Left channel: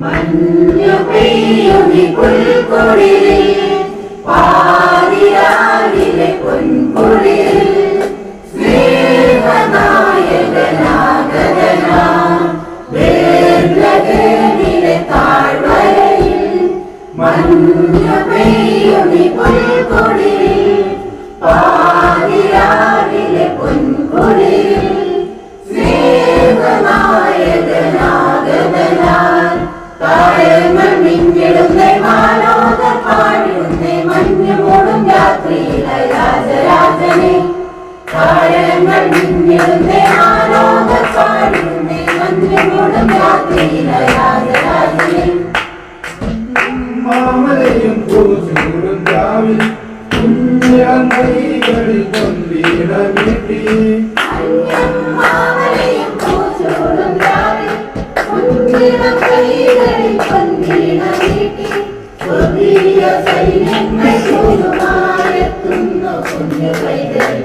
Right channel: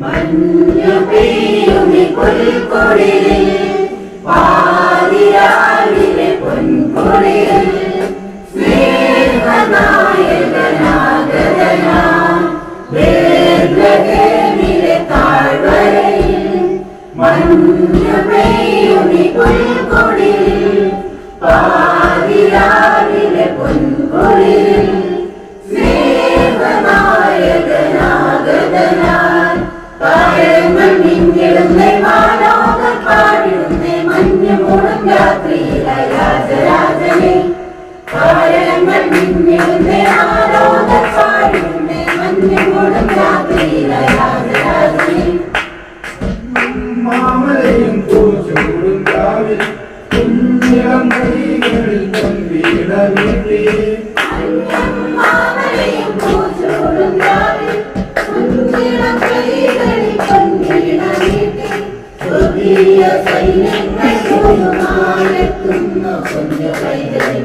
മഞ്ഞു പെയ്യുമി പുൽക്കൊടിയിൽ പാതിരാവിലെ മാമലയും പൂച്ചൂടും രാവിൽ കുഞ്ഞിളം കൈകളിൽ പൊന്തിട നീട്ടി മാമലയും പൂച്ചൂടും രാവിൽ കുഞ്ഞിളം കൈകളിൽ. പൊന്നീണ നീട്ടി സ്വർഗീയ സൈന്യങ്ങൾ ചൂടുമാരെത്തുന്നു കുഞ്ഞു പൈതലിൽ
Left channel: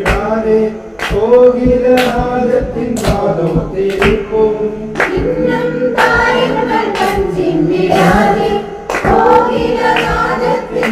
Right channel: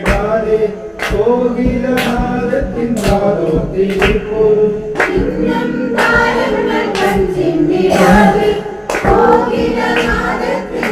ചിന്നിടാതെ കോകിലനാദത്തിൻ കാതോത്തിരിക്കും ഇന്നും താരങ്ങൾ കഞ്ചിമ്മിടാതെ കോകിലനാദത്തിൻ